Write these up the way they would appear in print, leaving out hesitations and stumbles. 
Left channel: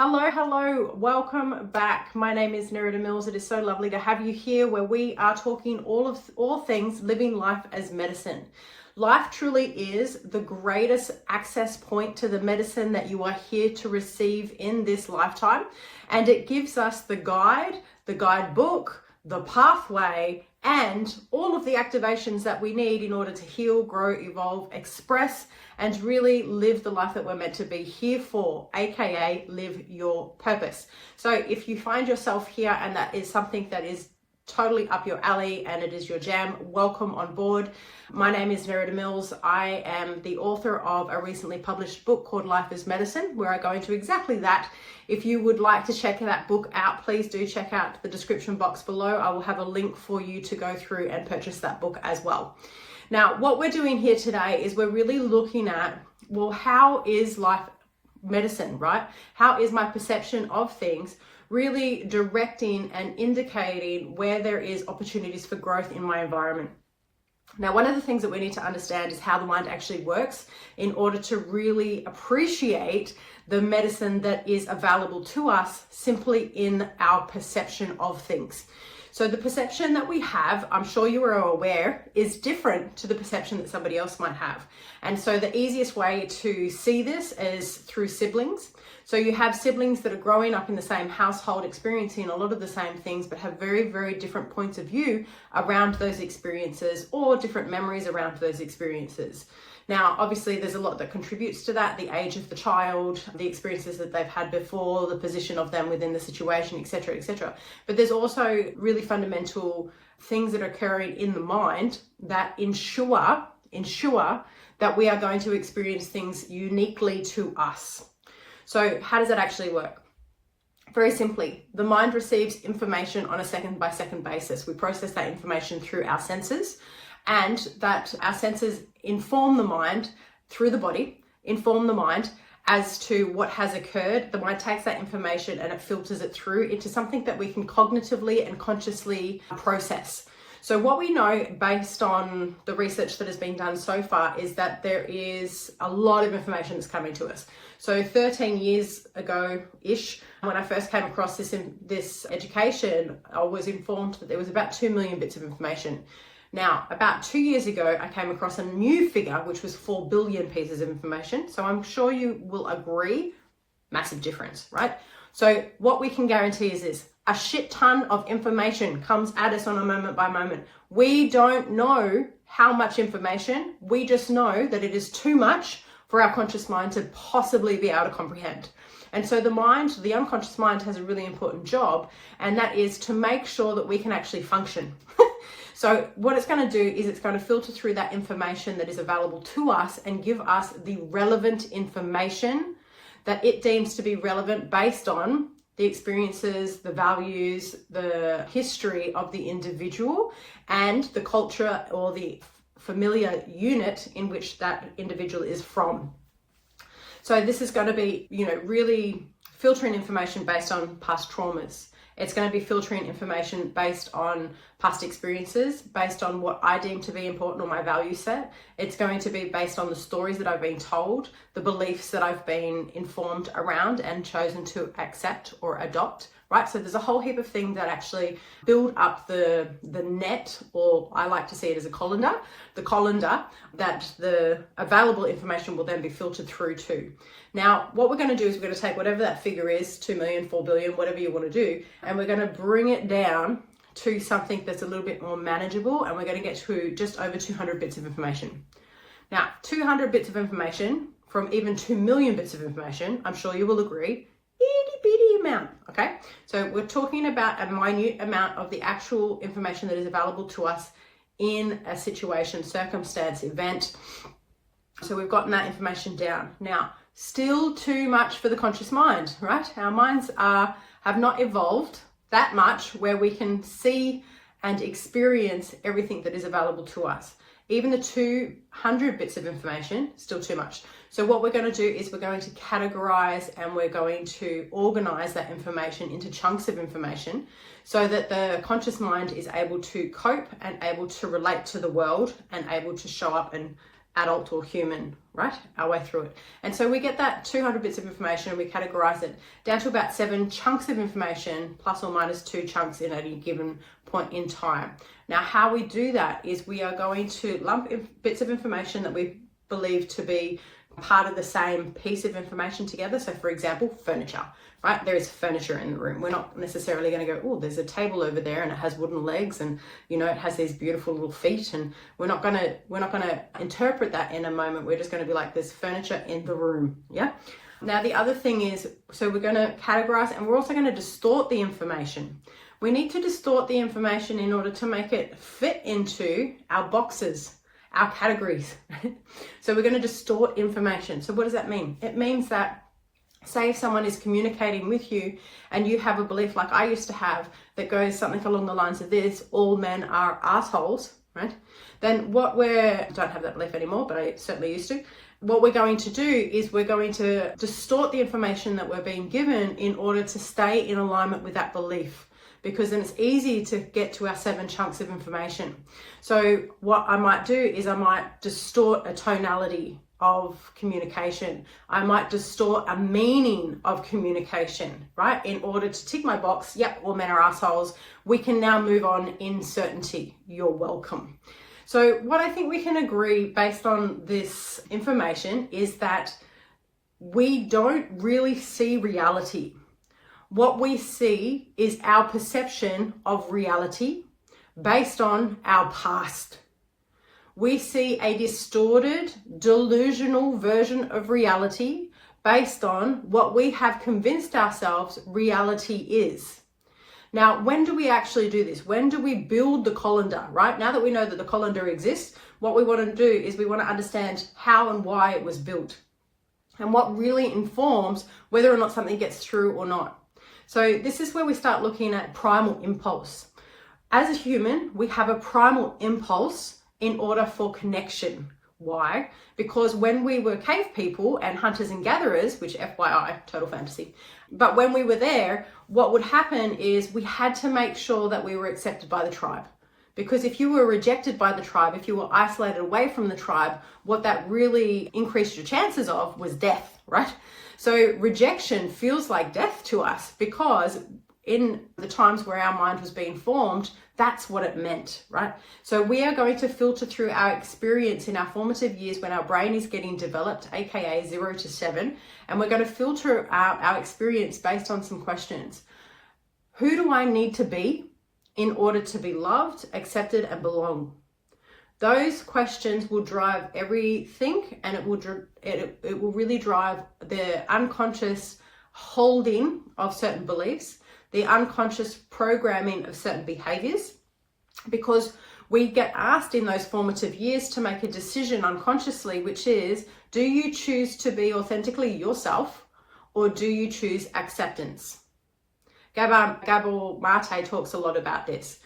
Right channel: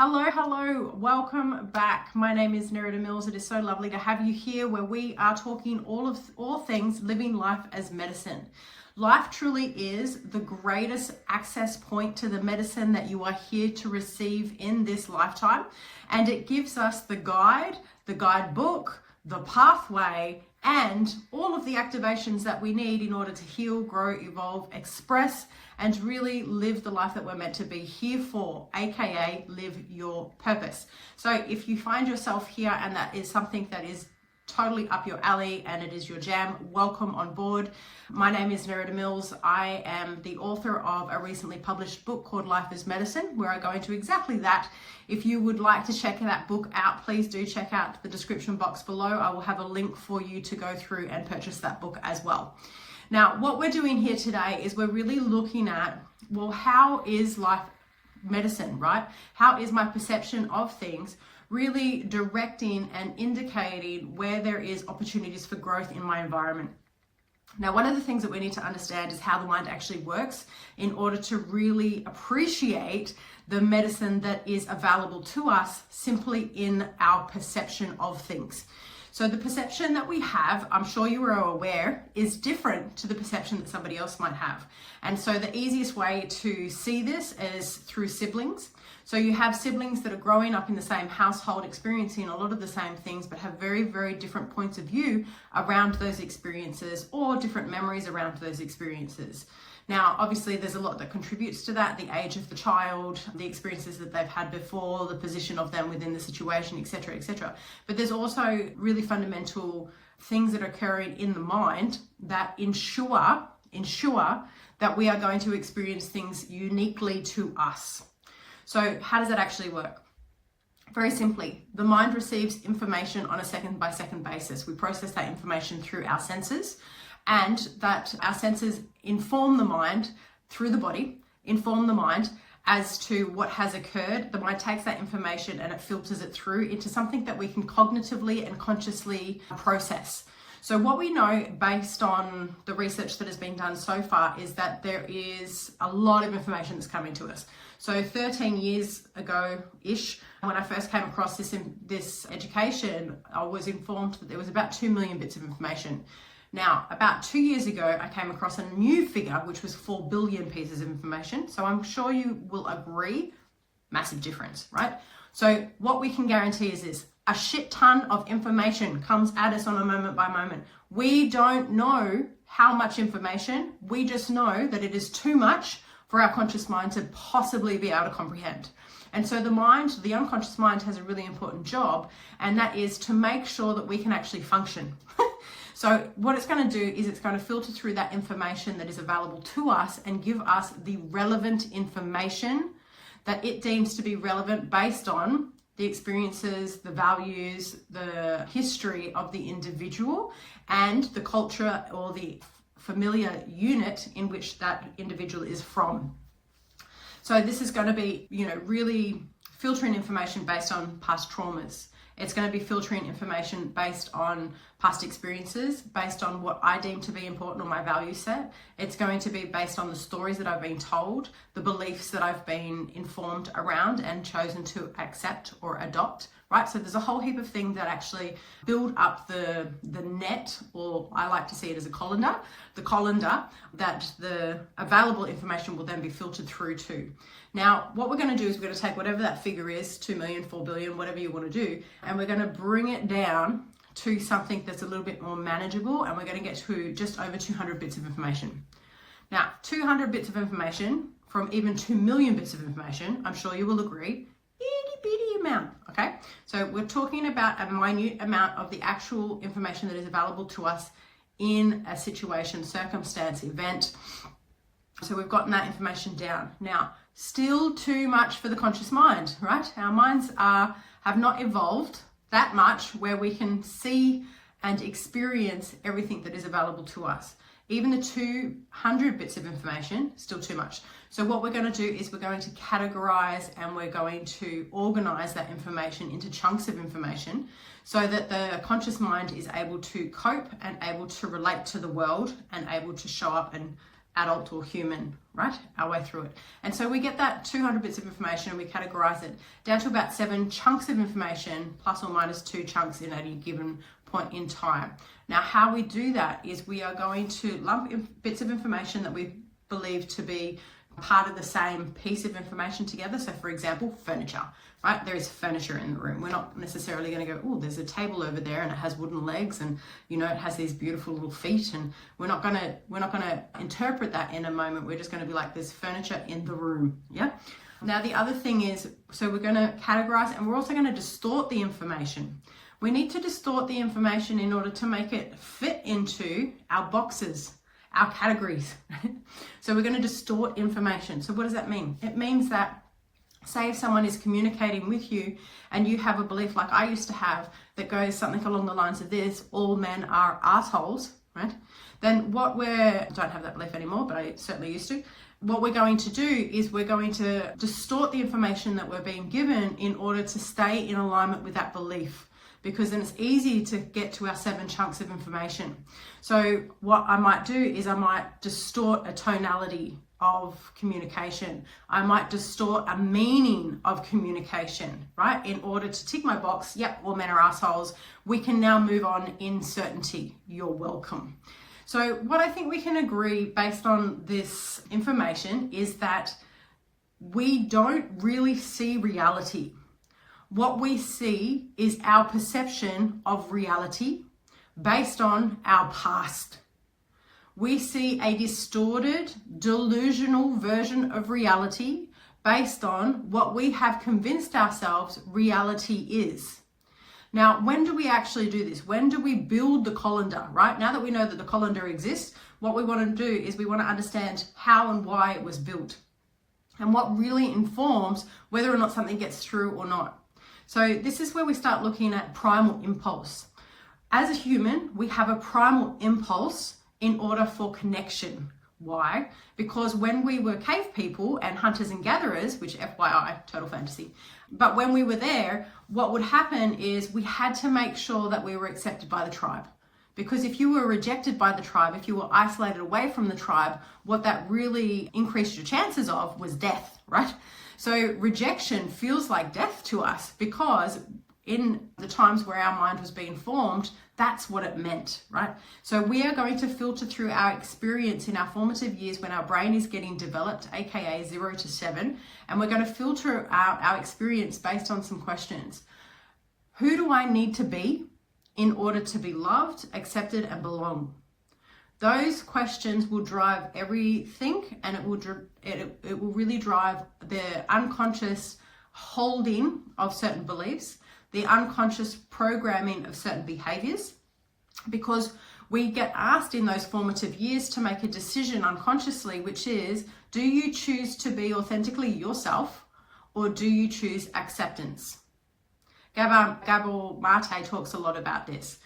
Hello, welcome back. My name is Nerida Mills. It is so lovely to have you here where we are talking all things living life as medicine. Life truly is the greatest access point to the medicine that you are here to receive in this lifetime. And it gives us the guidebook, the pathway, and all of the activations that we need in order to heal, grow, evolve, express, and really live the life that we're meant to be here for, aka live your purpose. So if you find yourself here and that is something that is totally up your alley and it is your jam, welcome on board. My name is Nerida Mills. I am the author of a recently published book called Life is Medicine, where I go into exactly that. If you would like to check that book out, please do check out the description box below. I will have a link for you to go through and purchase that book as well. Now, what we're doing here today is we're really looking at, well, how is life medicine, right? How is my perception of things really directing and indicating where there is opportunities for growth in my environment? Now, one of the things that we need to understand is how the mind actually works in order to really appreciate the medicine that is available to us simply in our perception of things. So the perception that we have, I'm sure you are aware, is different to the perception that somebody else might have. And so the easiest way to see this is through siblings. So you have siblings that are growing up in the same household, experiencing a lot of the same things, but have very, very different points of view around those experiences or different memories around those experiences. Now, obviously, there's a lot that contributes to that: the age of the child, the experiences that they've had before, the position of them within the situation, etc., etc. But there's also really fundamental things that are occurring in the mind that ensure that we are going to experience things uniquely to us. So how does that actually work? Very simply, the mind receives information on a second-by-second basis. We process that information through our senses, and that our senses inform the mind through the body, inform the mind as to what has occurred. The mind takes that information and it filters it through into something that we can cognitively and consciously process. So what we know based on the research that has been done so far is that there is a lot of information that's coming to us. So 13 years ago-ish, when I first came across this education, I was informed that there was about 2 million bits of information. Now, about 2 years ago, I came across a new figure, which was 4 billion pieces of information. So I'm sure you will agree, massive difference, right? So what we can guarantee is this: a shit ton of information comes at us on a moment by moment. We don't know how much information, we just know that it is too much for our conscious mind to possibly be able to comprehend. And so the unconscious mind has a really important job, and that is to make sure that we can actually function. So what it's going to do is it's going to filter through that information that is available to us and give us the relevant information that it deems to be relevant based on the experiences, the values, the history of the individual, and the culture or the familiar unit in which that individual is from. So this is going to be, really filtering information based on past traumas. It's going to be filtering information based on past experiences, based on what I deem to be important or my value set. It's going to be based on the stories that I've been told, the beliefs that I've been informed around and chosen to accept or adopt, right? So there's a whole heap of things that actually build up the net, or I like to see it as a colander, that the available information will then be filtered through to. Now, what we're going to do is we're going to take whatever that figure is, 2 million, 4 billion, whatever you want to do, and we're going to bring it down to something that's a little bit more manageable, and we're going to get to just over 200 bits of information. Now, 200 bits of information from even 2 million bits of information, I'm sure you will agree, itty bitty amount, okay? So we're talking about a minute amount of the actual information that is available to us in a situation, circumstance, event. So we've gotten that information down. Now, still too much for the conscious mind, right? Our minds have not evolved that much where we can see and experience everything that is available to us. Even the 200 bits of information, still too much. So what we're going to do is we're going to categorize and we're going to organize that information into chunks of information so that the conscious mind is able to cope and able to relate to the world and able to show up and adult or human, right? Our way through it. And so we get that 200 bits of information and we categorize it down to about 7 chunks of information, plus or minus 2 chunks in any given point in time. Now, how we do that is we are going to lump bits of information that we believe to be part of the same piece of information together. So for example, furniture, right? There is furniture in the room. We're not necessarily going to go, oh, there's a table over there and it has wooden legs and, you know, it has these beautiful little feet, and we're not going to interpret that in a moment. We're just going to be like, there's furniture in the room. Yeah. Now, the other thing is, so we're going to categorize, and we're also going to distort the information. We need to distort the information in order to make it fit into our boxes, our categories. So we're going to distort information. So what does that mean? It means that, say if someone is communicating with you and you have a belief like I used to have that goes something along the lines of this: all men are assholes, right? Then I don't have that belief anymore, but I certainly used to. What we're going to do is we're going to distort the information that we're being given in order to stay in alignment with that belief, because then it's easy to get to our 7 chunks of information. So what I might do is I might distort a tonality of communication. I might distort a meaning of communication, right? In order to tick my box, yep, all men are assholes. We can now move on in certainty. You're welcome. So what I think we can agree based on this information is that we don't really see reality. What we see is our perception of reality based on our past. We see a distorted, delusional version of reality based on what we have convinced ourselves reality is. Now, when do we actually do this? When do we build the colander, right? Now that we know that the colander exists, what we want to do is we want to understand how and why it was built and what really informs whether or not something gets through or not. So this is where we start looking at primal impulse. As a human, we have a primal impulse in order for connection. Why? Because when we were cave people and hunters and gatherers, which FYI, total fantasy, but when we were there, what would happen is we had to make sure that we were accepted by the tribe. Because if you were rejected by the tribe, if you were isolated away from the tribe, what that really increased your chances of was death, right? So rejection feels like death to us because in the times where our mind was being formed, that's what it meant, right? So we are going to filter through our experience in our formative years when our brain is getting developed, aka 0 to 7, and we're going to filter out our experience based on some questions. Who do I need to be in order to be loved, accepted, and belong? Those questions will drive everything, and it will really drive the unconscious holding of certain beliefs, the unconscious programming of certain behaviors, because we get asked in those formative years to make a decision unconsciously, which is, do you choose to be authentically yourself or do you choose acceptance? Gabor Mate talks a lot about this.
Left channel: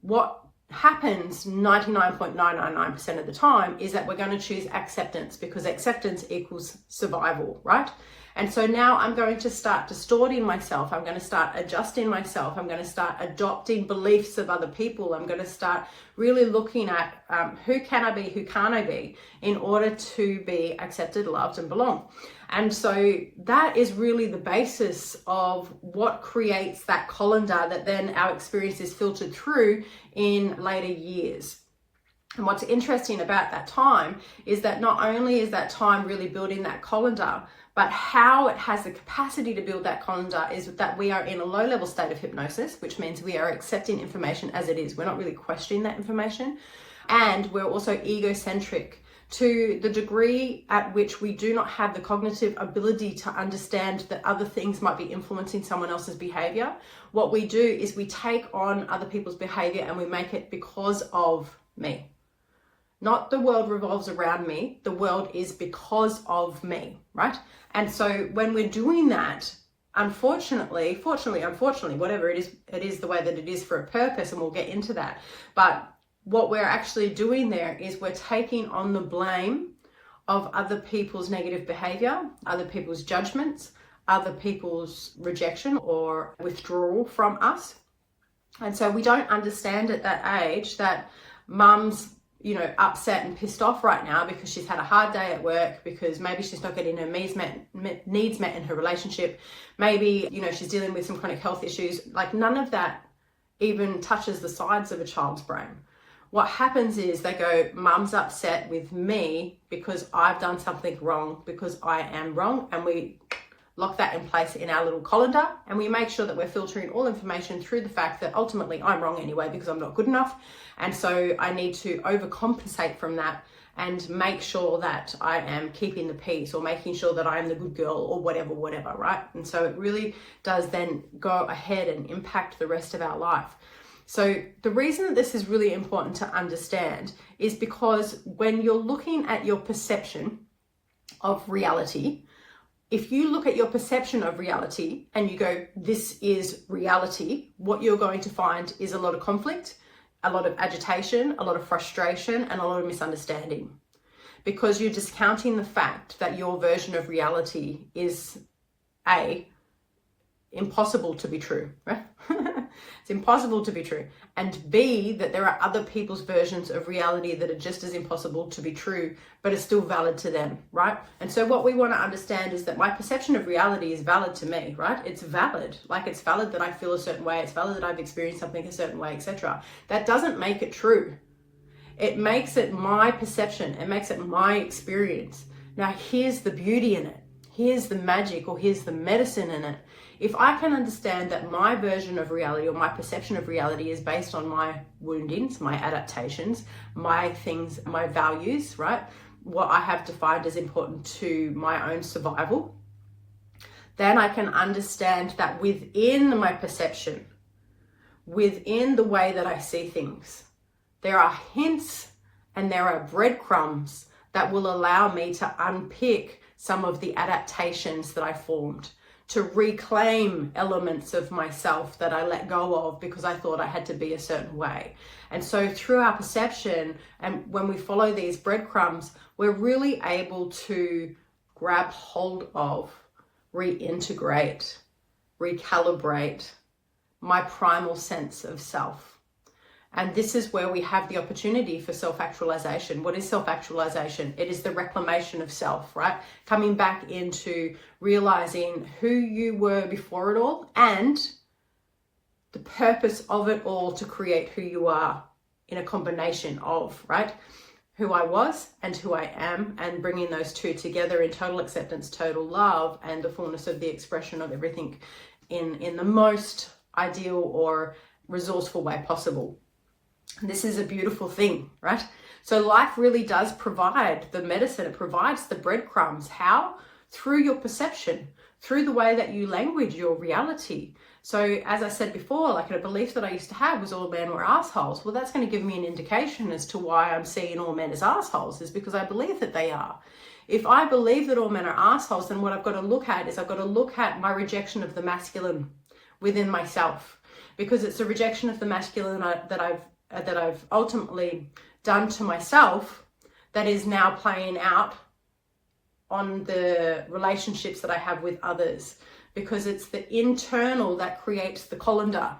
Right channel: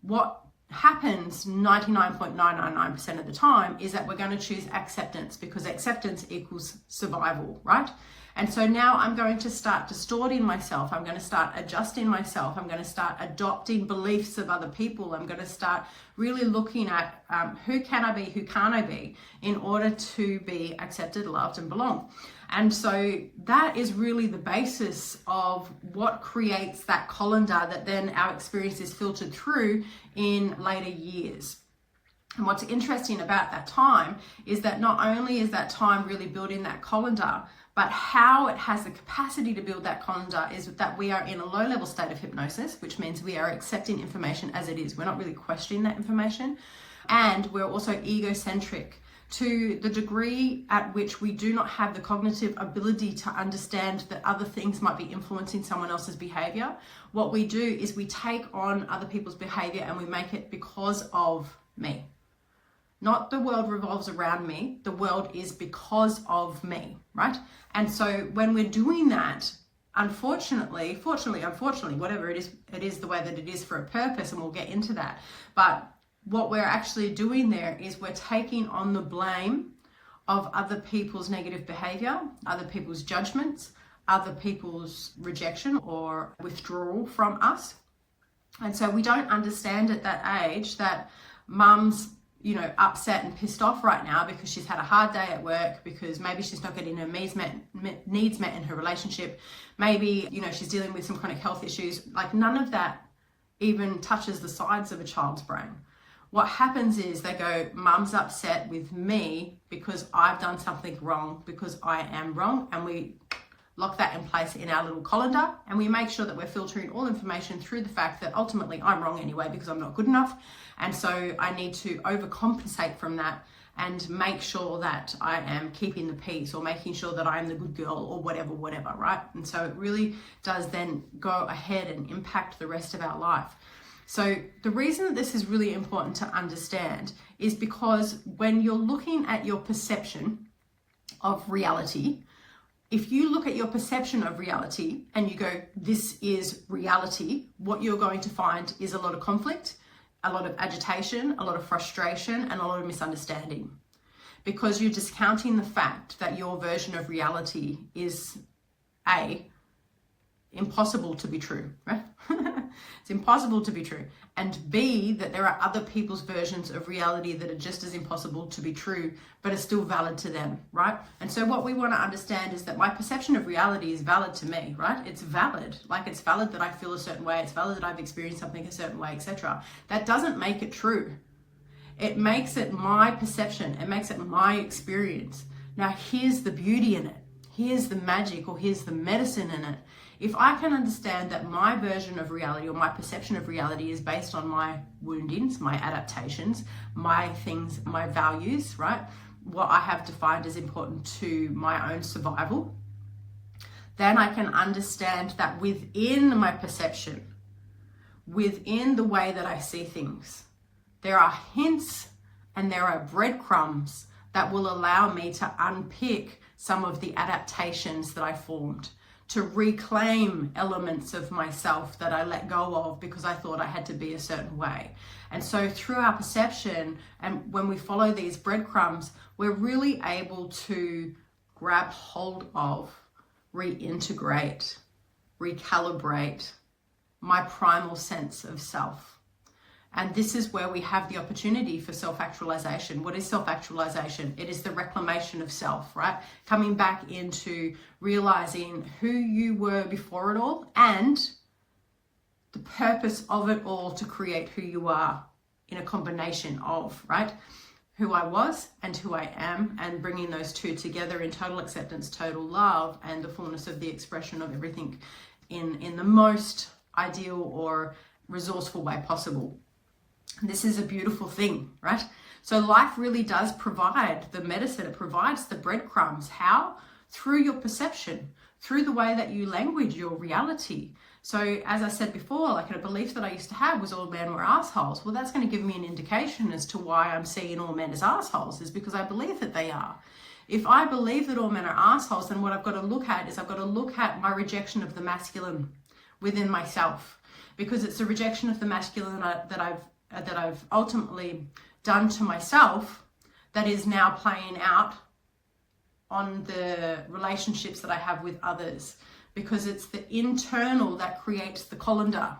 What happens 99.999% of the time is that we're going to choose acceptance, because acceptance equals survival, right? And so now I'm going to start distorting myself. I'm going to start adjusting myself. I'm going to start adopting beliefs of other people. I'm going to start really looking at who can I be, who can't I be, in order to be accepted, loved, and belong. And so that is really the basis of what creates that colander that then our experience is filtered through in later years. And what's interesting about that time is that not only is that time really building that colander, but how it has the capacity to build that colander is that we are in a low-level state of hypnosis, which means we are accepting information as it is. We're not really questioning that information. And we're also egocentric to the degree at which we do not have the cognitive ability to understand that other things might be influencing someone else's behavior. What we do is we take on other people's behavior and we make it because of me. Not the world revolves around me, the world is because of me, right? And so when we're doing that, unfortunately, whatever it is the way that it is for a purpose, and we'll get into that. But what we're actually doing there is we're taking on the blame of other people's negative behavior, other people's judgments, other people's rejection or withdrawal from us. And so we don't understand at that age that mum's upset and pissed off right now because she's had a hard day at work, because maybe she's not getting her needs met in her relationship. Maybe, she's dealing with some chronic health issues. Like, none of that even touches the sides of a child's brain. What happens is they go, mum's upset with me because I've done something wrong, because I am wrong. And we lock that in place in our little colander, and we make sure that we're filtering all information through the fact that ultimately I'm wrong anyway because I'm not good enough. And so I need to overcompensate from that and make sure that I am keeping the peace, or making sure that I'm the good girl, or whatever, right? And so it really does then go ahead and impact the rest of our life. So the reason that this is really important to understand is because when you're looking at your perception of reality, if you look at your perception of reality and you go, this is reality, what you're going to find is a lot of conflict, a lot of agitation, a lot of frustration, and a lot of misunderstanding, because you're discounting the fact that your version of reality is impossible to be true, right? It's impossible to be true. And B, that there are other people's versions of reality that are just as impossible to be true, but are still valid to them, right? And so what we want to understand is that my perception of reality is valid to me, right? It's valid. Like, it's valid that I feel a certain way. It's valid that I've experienced something a certain way, etc. That doesn't make it true. It makes it my perception. It makes it my experience. Now, here's the beauty in it. Here's the magic, or here's the medicine in it. If I can understand that my version of reality, or my perception of reality, is based on my woundings, my adaptations, my things, my values, right? What I have defined as important to my own survival, then I can understand that within my perception, within the way that I see things, there are hints and there are breadcrumbs that will allow me to unpick some of the adaptations that I formed, to reclaim elements of myself that I let go of because I thought I had to be a certain way. And so through our perception, and when we follow these breadcrumbs, we're really able to grab hold of, reintegrate, recalibrate my primal sense of self. And this is where we have the opportunity for self-actualization. What is self-actualization? It is the reclamation of self, right? Coming back into realizing who you were before it all, and the purpose of it all to create who you are in a combination of, right? Who I was and who I am, and bringing those two together in total acceptance, total love, and the fullness of the expression of everything in the most ideal or resourceful way possible. This is a beautiful thing, right? So life really does provide the medicine. It provides the breadcrumbs. How? Through your perception, through the way that you language your reality. So as I said before, like, a belief that I used to have was all men were assholes. Well, that's going to give me an indication as to why I'm seeing all men as assholes, is because I believe that they are. If I believe that all men are assholes, then what I've got to look at is I've got to look at my rejection of the masculine within myself, because it's a rejection of the masculine that I've ultimately done to myself that is now playing out on the relationships that I have with others, because it's the internal that creates the colander.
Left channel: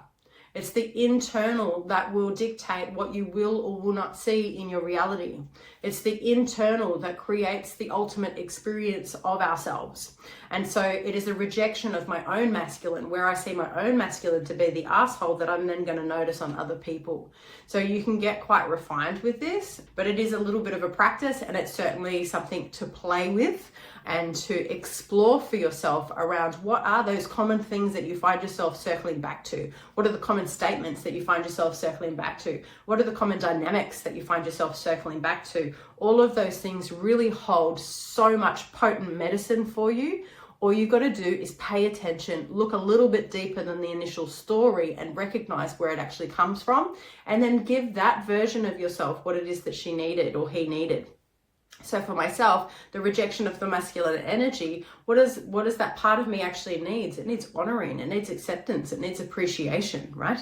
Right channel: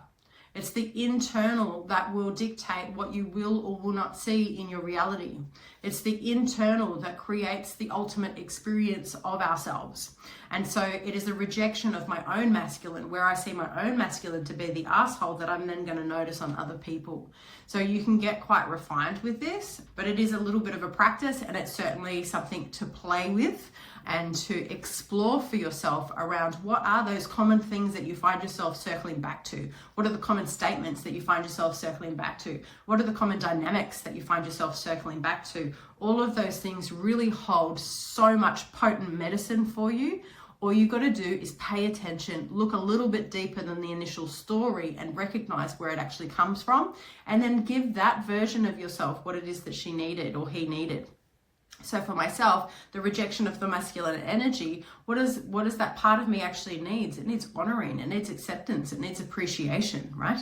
It's the internal that will dictate what you will or will not see in your reality. It's the internal that creates the ultimate experience of ourselves. And so it is a rejection of my own masculine, where I see my own masculine to be the asshole, that I'm then going to notice on other people. So you can get quite refined with this, but it is a little bit of a practice, and it's certainly something to play with and to explore for yourself around what are those common things that you find yourself circling back to? What are the common statements that you find yourself circling back to? What are the common dynamics that you find yourself circling back to? All of those things really hold so much potent medicine for you. All you got to do is pay attention, look a little bit deeper than the initial story, and recognize where it actually comes from, and then give that version of yourself what it is that she needed or he needed. So for myself, the rejection of the masculine energy, what is that part of me actually needs? It needs honoring, it needs acceptance, it needs appreciation, right?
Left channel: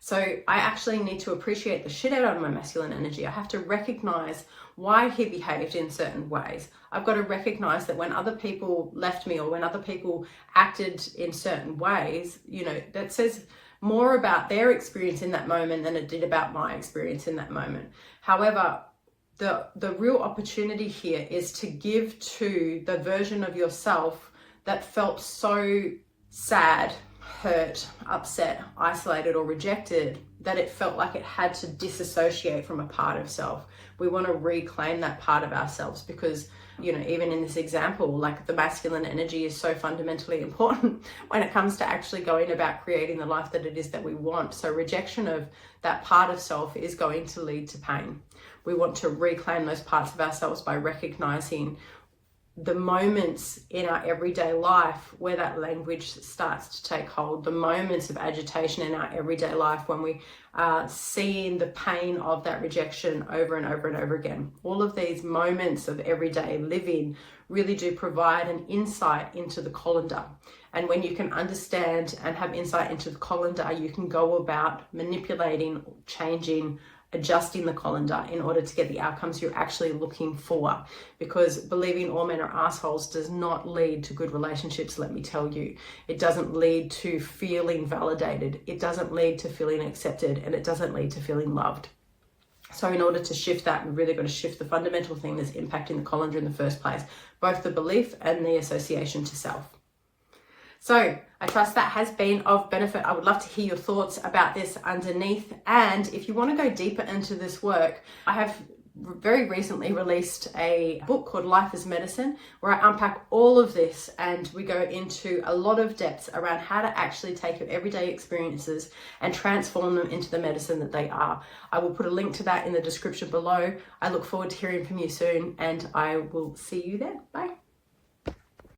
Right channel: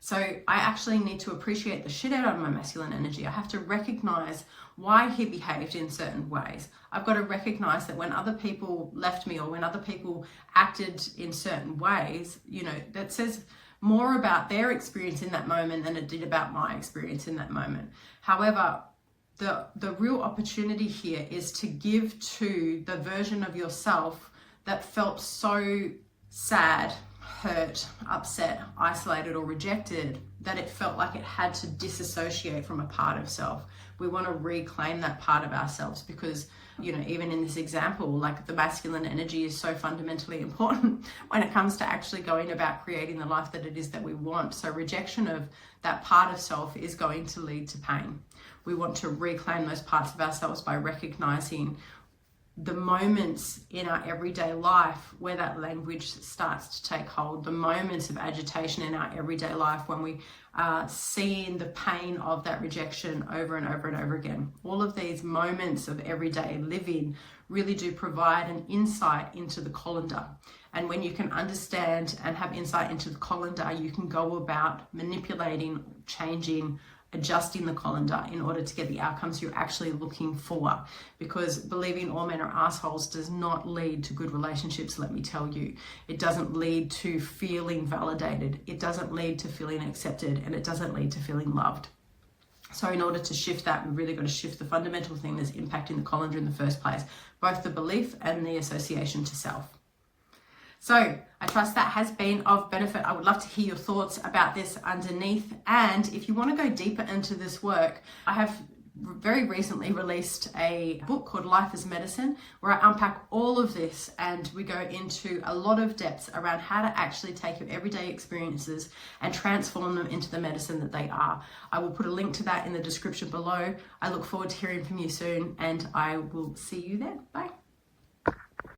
So I actually need to appreciate the shit out of my masculine energy. I have to recognize why he behaved in certain ways. I've got to recognize that when other people left me, or when other people acted in certain ways, that says more about their experience in that moment than it did about my experience in that moment. However, The real opportunity here is to give to the version of yourself that felt so sad, hurt, upset, isolated, or rejected that it felt like it had to disassociate from a part of self. We want to reclaim that part of ourselves because, you know, even in this example, like the masculine energy is so fundamentally important when it comes to actually going about creating the life that it is that we want. So rejection of that part of self is going to lead to pain. We want to reclaim those parts of ourselves by recognizing the moments in our everyday life where that language starts to take hold, the moments of agitation in our everyday life when we are seeing the pain of that rejection over and over and over again. All of these moments of everyday living really do provide an insight into the colander. And when you can understand and have insight into the colander, you can go about manipulating, changing, adjusting the colander in order to get the outcomes you're actually looking for. Because believing all men are assholes does not lead to good relationships, let me tell you. It doesn't lead to feeling validated. It doesn't lead to feeling accepted, and it doesn't lead to feeling loved. So in order to shift that, we've really got to shift the fundamental thing that's impacting the colander in the first place, both the belief and the association to self. So I trust that has been of benefit. I would love to hear your thoughts about this underneath. And if you want to go deeper into this work, I have very recently released a book called Life as Medicine, where I unpack all of this and we go into a lot of depths around how to actually take your everyday experiences and transform them into the medicine that they are. I will put a link to that in the description below. I look forward to hearing from you soon, and I will see you there. Bye.